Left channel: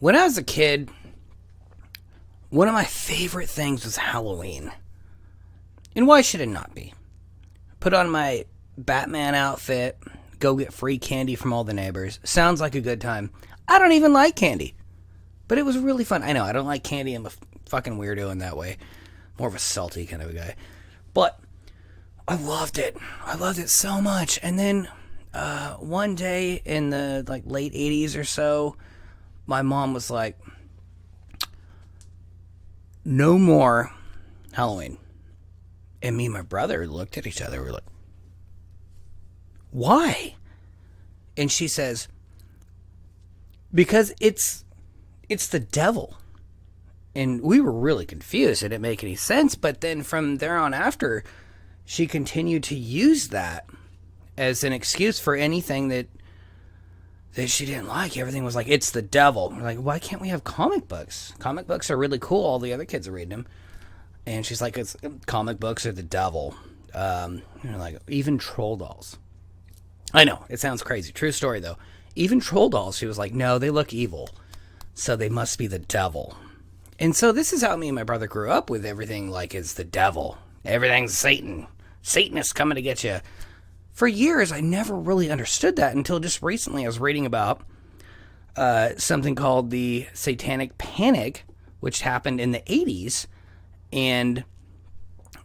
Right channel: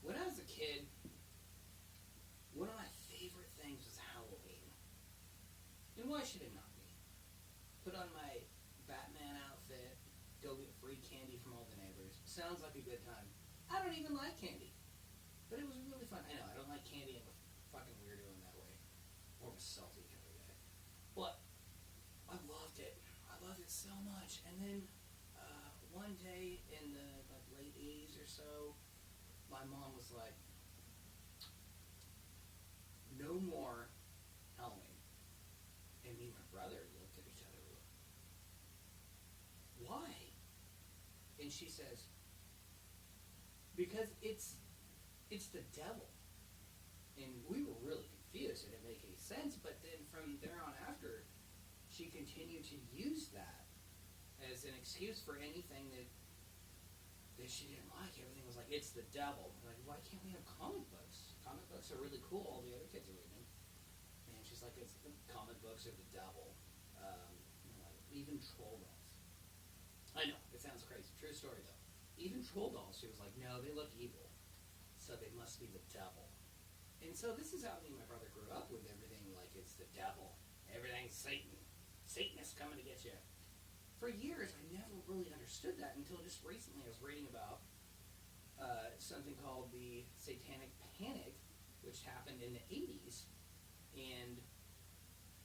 When I was a kid, one of my favorite things was Halloween. And why should it not be? Put on my Batman outfit, go get free candy from all the neighbors. Sounds like a good time. I don't even like candy. But it was really fun. I know, I don't like candy. I'm a fucking weirdo in that way. More of a salty kind of a guy. But I loved it. I loved it so much. And then one day in the late 80s or so, my mom was like, no more Halloween. And me and my brother looked at each other. We were like, why? And she says, because it's the devil. And we were really confused. It didn't make any sense. But then from there on after, she continued to use that as an excuse for anything that she didn't like. Everything was like, it's the devil. We're like, why can't we have comic books? Comic books are really cool. All the other kids are reading them. And she's like, comic books are the devil. Even troll dolls. I know, it sounds crazy. True story, though. Even troll dolls, she was like, no, they look evil. So they must be the devil. And so this is how me and my brother grew up with everything like it's the devil. Everything's Satan. Satanists coming to get you. For years, I never really understood that until just recently I was reading about something called the Satanic Panic, which happened in the 80s. And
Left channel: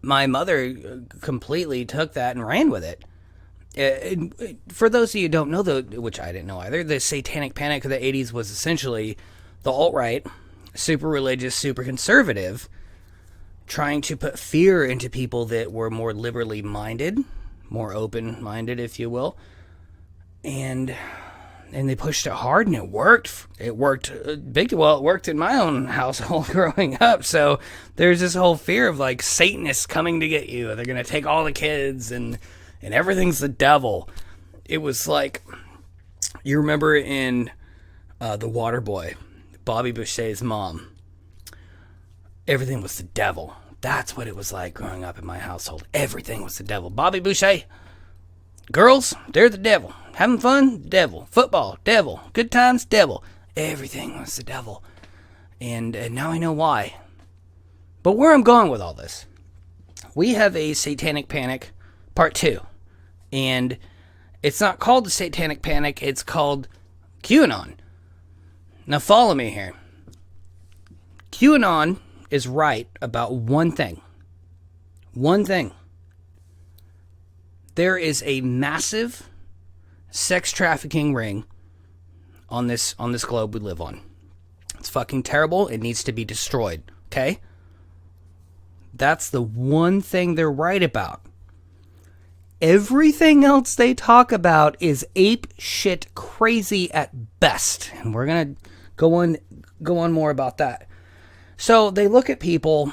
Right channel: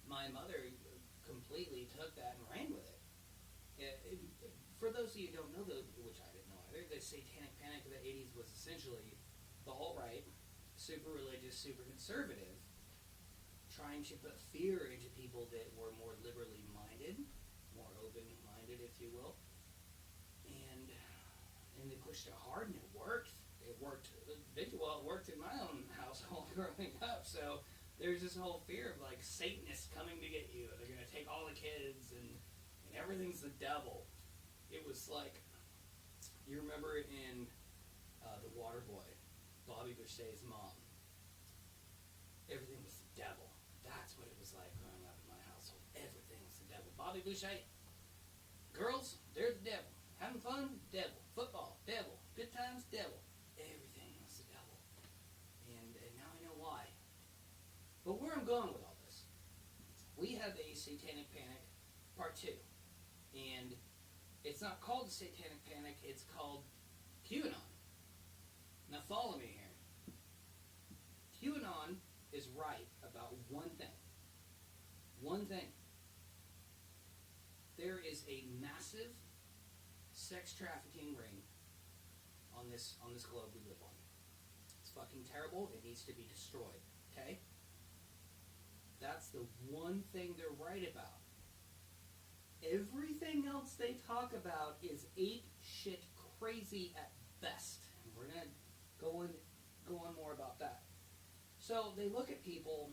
my mother completely took that and ran with it. For those of you who don't know, though, which I didn't know either, the Satanic Panic of the 80s was essentially the alt-right, super religious, super conservative, trying to put fear into people that were more liberally minded, more open-minded, if you will. And they pushed it hard, and it worked. It worked big. Well, it worked in my own household growing up. So there's this whole fear of Satanists coming to get you. They're gonna take all the kids, and everything's the devil. It was like, you remember in The Waterboy, Bobby Boucher's mom. Everything was the devil. That's what it was like growing up in my household. Everything was the devil. Bobby Boucher, girls, they're the devil. Having fun, devil. Football, devil. Good times, devil. Everything was the devil. And now I know why. But where I'm going with all this, we have a Satanic Panic Part 2. And it's not called the Satanic Panic, it's called Qanon. Now follow me here. Qanon is right about one thing. One thing. There is a massive sex trafficking ring on this globe we live on. It's fucking terrible. It needs to be destroyed. Okay? That's the one thing they're right about. Everything else they talk about is ape shit crazy at best. And we're going to go on more about that. So they look at people,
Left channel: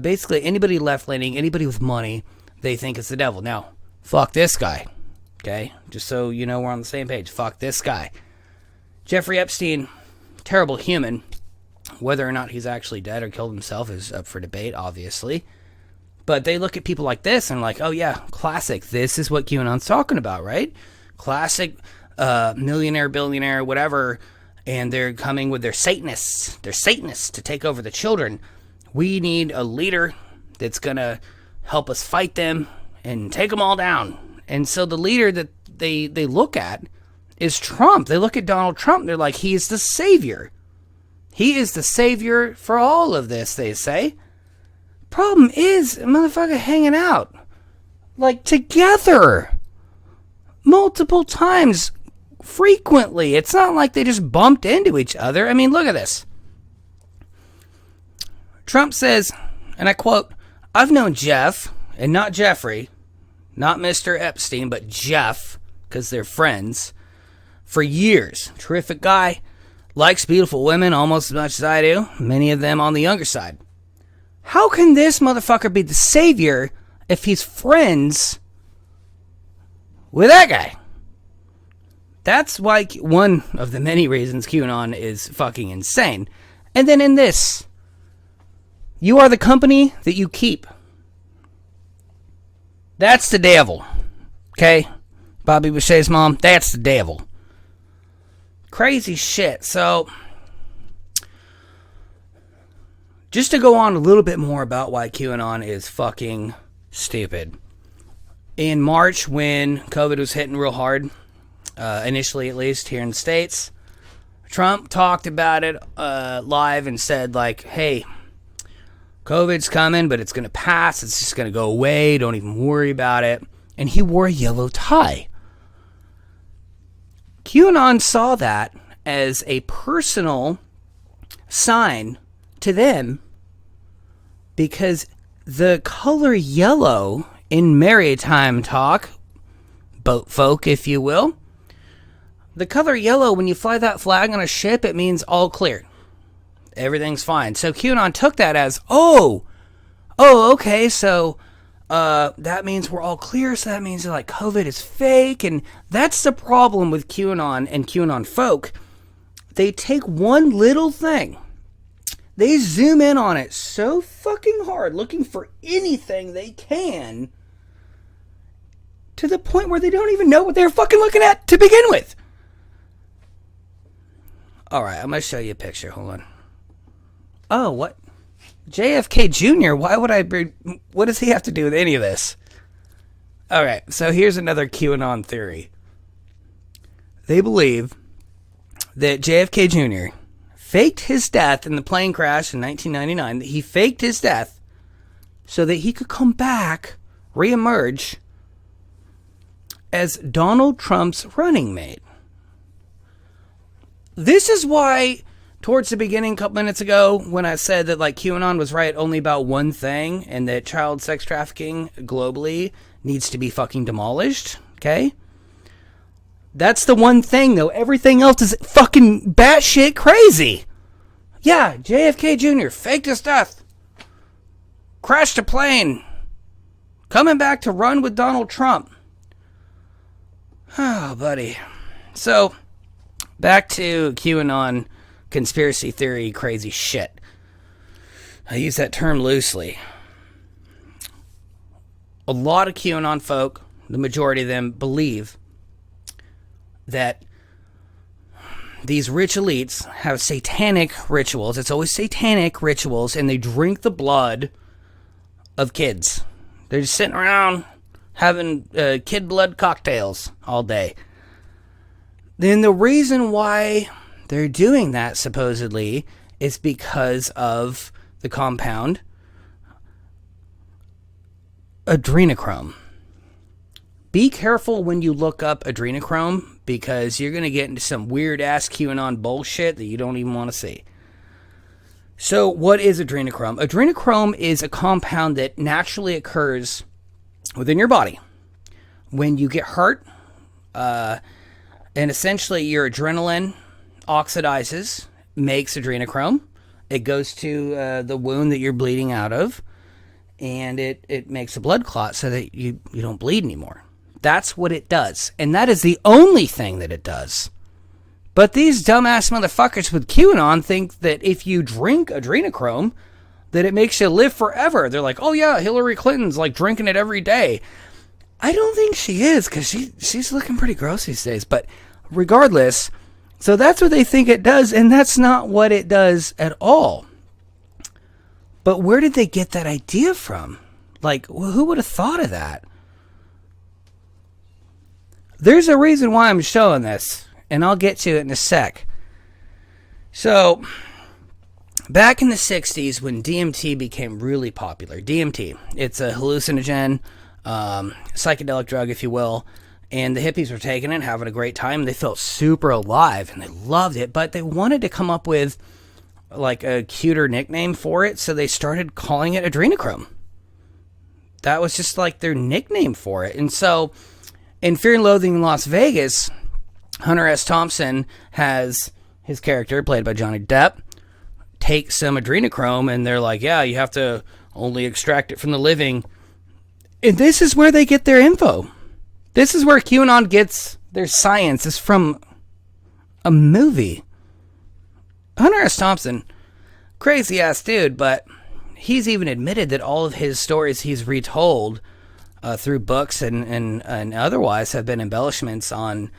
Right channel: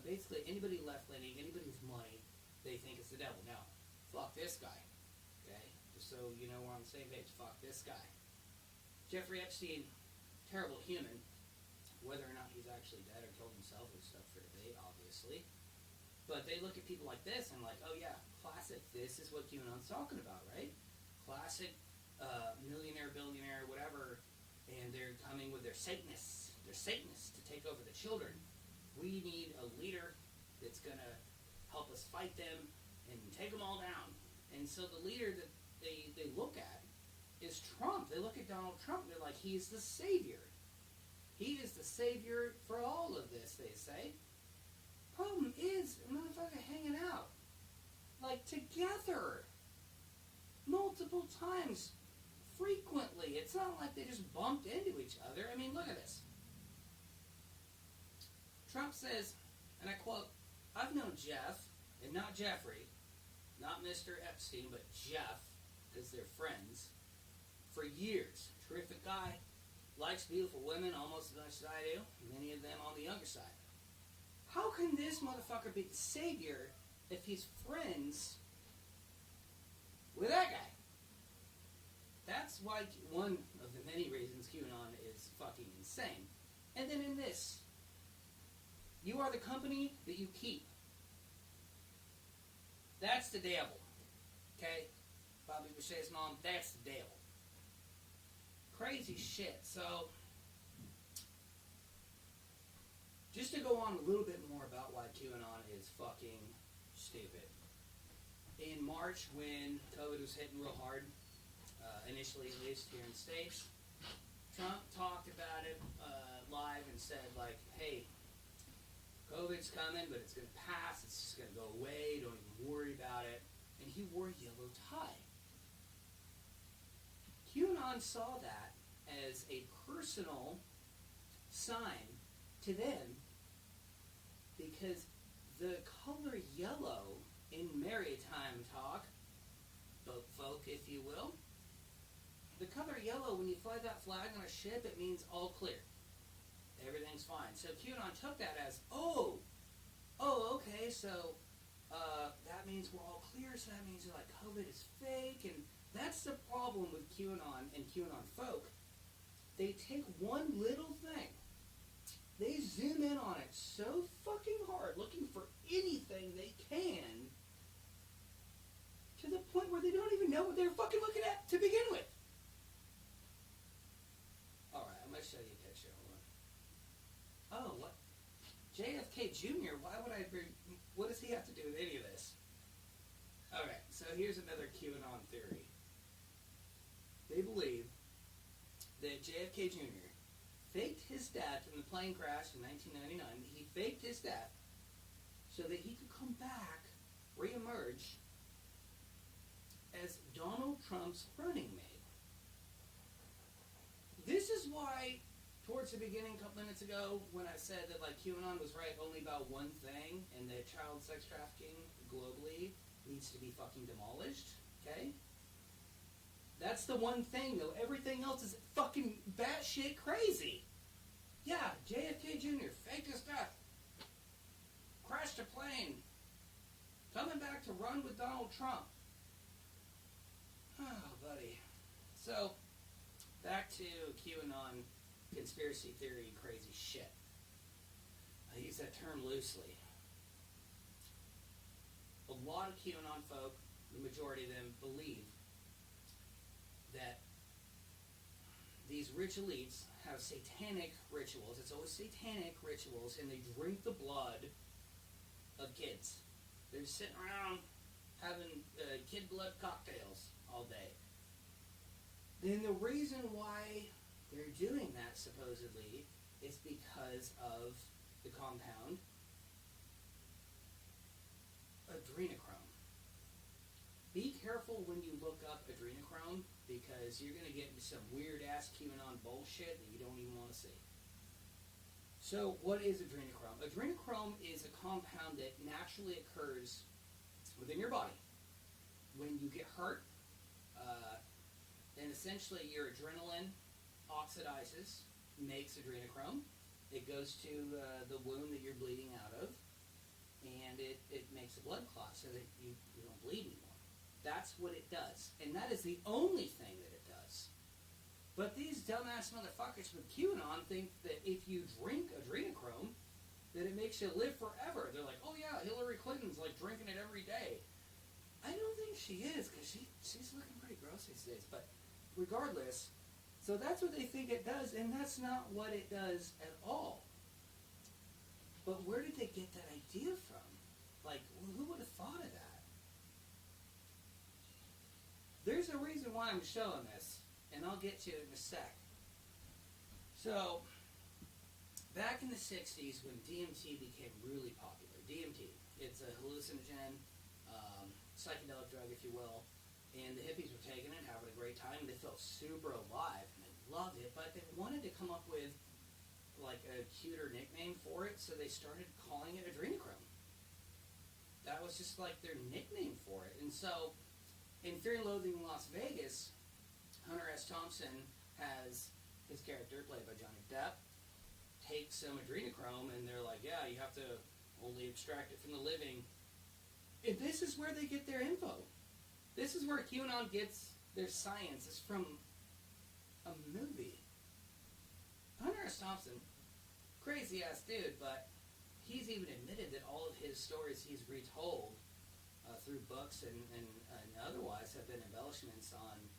basically anybody left-leaning, anybody with money, they think it's the devil. Now, fuck this guy. Okay? Just so you know we're on the same page. Fuck this guy. Jeffrey Epstein, terrible human. Whether or not he's actually dead or killed himself is up for debate, obviously. But they look at people like this and like, oh yeah, classic. This is what QAnon's talking about, right? Classic millionaire, billionaire, whatever. And they're coming with their Satanists. They're Satanists to take over the children. We need a leader that's going to help us fight them and take them all down. And so the leader that they look at is Trump. They look at Donald Trump. They're like, he is the savior. He is the savior for all of this, they say. Problem is, a motherfucker hanging out. Together. Multiple times. Frequently. It's not like they just bumped into each other. I mean, look at this. Trump says, and I quote, I've known Jeff, and not Jeffrey, not Mr. Epstein, but Jeff, because they're friends, for years. Terrific guy. Likes beautiful women almost as much as I do. Many of them on the younger side. How can this motherfucker be the savior if he's friends with that guy? That's why one of the many reasons QAnon is fucking insane. And then in this, you are the company that you keep. That's the devil. Okay? Bobby Boucher's mom, that's the devil. Crazy shit. So, just to go on a little bit more about why QAnon is fucking stupid. In March, when COVID was hitting real hard, initially at least here in the States, Trump talked about it live and said, like, hey, COVID's coming, but it's going to pass. It's just going to go away. Don't even worry about it. And he wore a yellow tie. QAnon saw that as a personal sign to them because the color yellow in maritime talk, boat folk, if you will, the color yellow, when you fly that flag on a ship, it means all clear. Everything's fine. So QAnon took that as, okay, so that means we're all clear, so that means like COVID is fake, and that's the problem with QAnon and QAnon folk. They take one little thing, they zoom in on it so fucking hard, looking for anything they can, to the point where they don't even know what they're fucking looking at to begin with. Alright, I'm going to show you a picture. Hold on. Oh, what? JFK Jr., why would I be... What does he have to do with any of this? Alright, so here's another QAnon theory. They believe that JFK Jr. faked his death in the plane crash in 1999. That he faked his death so that he could come back, reemerge, as Donald Trump's running mate. This is why, towards the beginning, a couple minutes ago, when I said that like QAnon was right only about one thing, and that child sex trafficking globally needs to be fucking demolished, okay? That's the one thing, though. Everything else is fucking batshit crazy. Yeah, JFK Jr. faked his death. Crashed a plane. Coming back to run with Donald Trump. Oh, buddy. So, back to QAnon conspiracy theory crazy shit. I use that term loosely. A lot of QAnon folk, the majority of them, believe that these rich elites have satanic rituals. It's always satanic rituals, and they drink the blood of kids. They're just sitting around having kid blood cocktails all day. Then the reason why they're doing that, supposedly, is because of the compound Adrenochrome. Be careful when you look up Adrenochrome, because you're going to get into some weird-ass QAnon bullshit that you don't even want to see. So, what is Adrenochrome? Adrenochrome is a compound that naturally occurs within your body when you get hurt, and essentially your adrenaline oxidizes, makes adrenochrome. It goes to the wound that you're bleeding out of, and it makes a blood clot so that you don't bleed anymore. That's what it does, and that is the only thing that it does. But these dumbass motherfuckers with QAnon think that if you drink adrenochrome, that it makes you live forever. They're like, oh yeah, Hillary Clinton's like drinking it every day. I don't think she is, because she's looking pretty gross these days. But regardless, so that's what they think it does, and that's not what it does at all. But where did they get that idea from? Like, who would have thought of that? There's a reason why I'm showing this, and I'll get to it in a sec. So, back in the 60s when DMT became really popular, DMT, it's a hallucinogen, psychedelic drug, if you will, and the hippies were taking it, having a great time. They felt super alive, and they loved it, but they wanted to come up with like a cuter nickname for it, so they started calling it Adrenochrome. That was just like their nickname for it. And so, in Fear and Loathing in Las Vegas, Hunter S. Thompson has his character, played by Johnny Depp, take some adrenochrome, and they're like, yeah, you have to only extract it from the living. And this is where they get their info. This is where QAnon gets their science, is from a movie. Hunter S. Thompson, crazy ass dude, but he's even admitted that all of his stories he's retold through books and otherwise have been embellishments on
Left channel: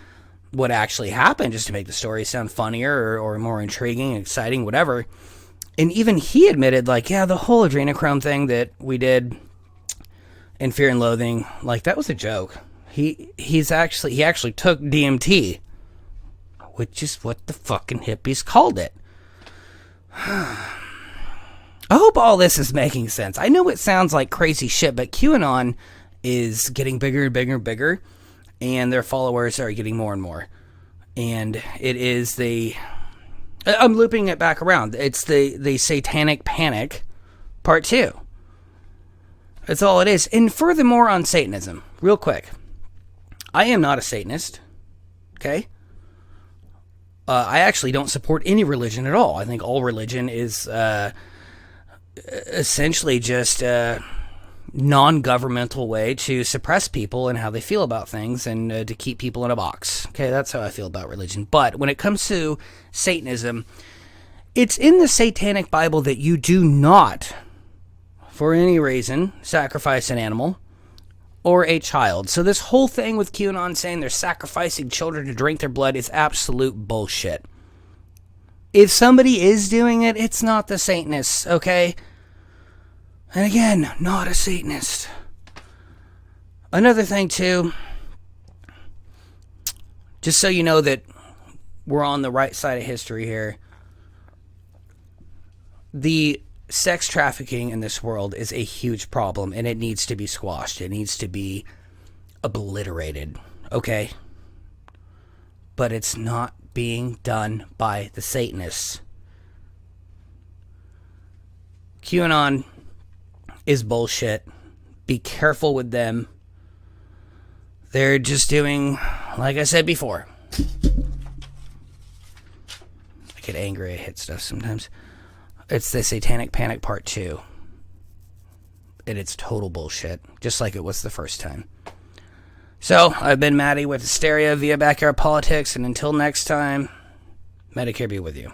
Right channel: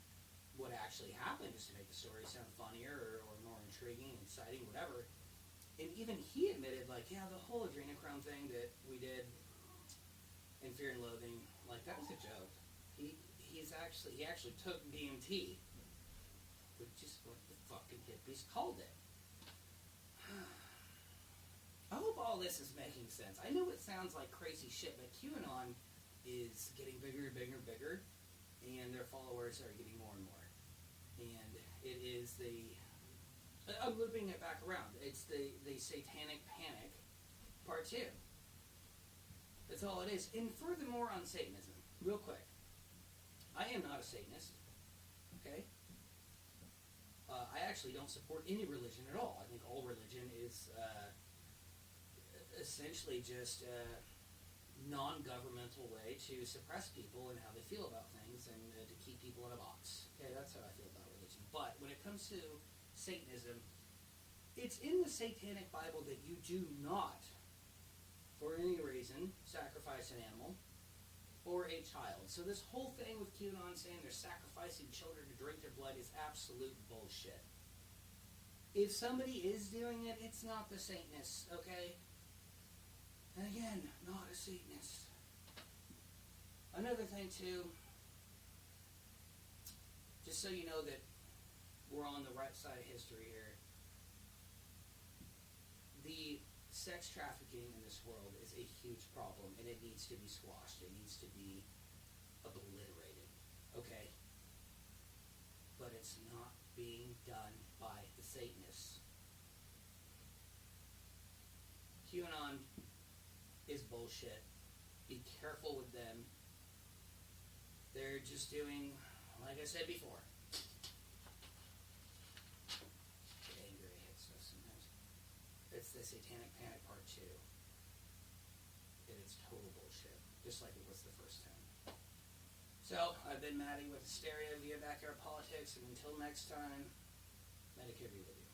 what actually happened, just to make the story sound funnier or more intriguing, exciting, whatever. And even he admitted, like, yeah, the whole Adrenochrome thing that we did in Fear and Loathing, like, that was a joke. He actually took DMT, which is what the fucking hippies called it. I hope all this is making sense. I know it sounds like crazy shit, but QAnon is getting bigger and bigger and bigger, and their followers are getting more and more. And it is I'm looping it back around. It's the Satanic Panic, part 2. That's all it is. And furthermore on Satanism, real quick. I am not a Satanist, okay? I actually don't support any religion at all. I think all religion is essentially just a non-governmental way to suppress people and how they feel about things and to keep people in a box. Okay, that's how I feel about religion. But when it comes to Satanism, it's in the Satanic Bible that you do not, for any reason, sacrifice an animal or a child. So this whole thing with QAnon saying they're sacrificing children to drink their blood is absolute bullshit. If somebody is doing it, it's not the Satanists, okay? And again, not a Satanist. Another thing, too, just so you know that we're on the right side of history here, the sex trafficking in this world is a huge problem, and it needs to be squashed. It needs to be obliterated, okay? But it's not being done by the Satanists. QAnon is bullshit. Be careful with them. They're just doing, like I said before. I get angry, I hit stuff sometimes. It's the Satanic Panic Part 2. And it's total bullshit, just like it was the first time. So, I've been Maddie with Hysteria via Backyard Politics, and until next time, Medicare be with you.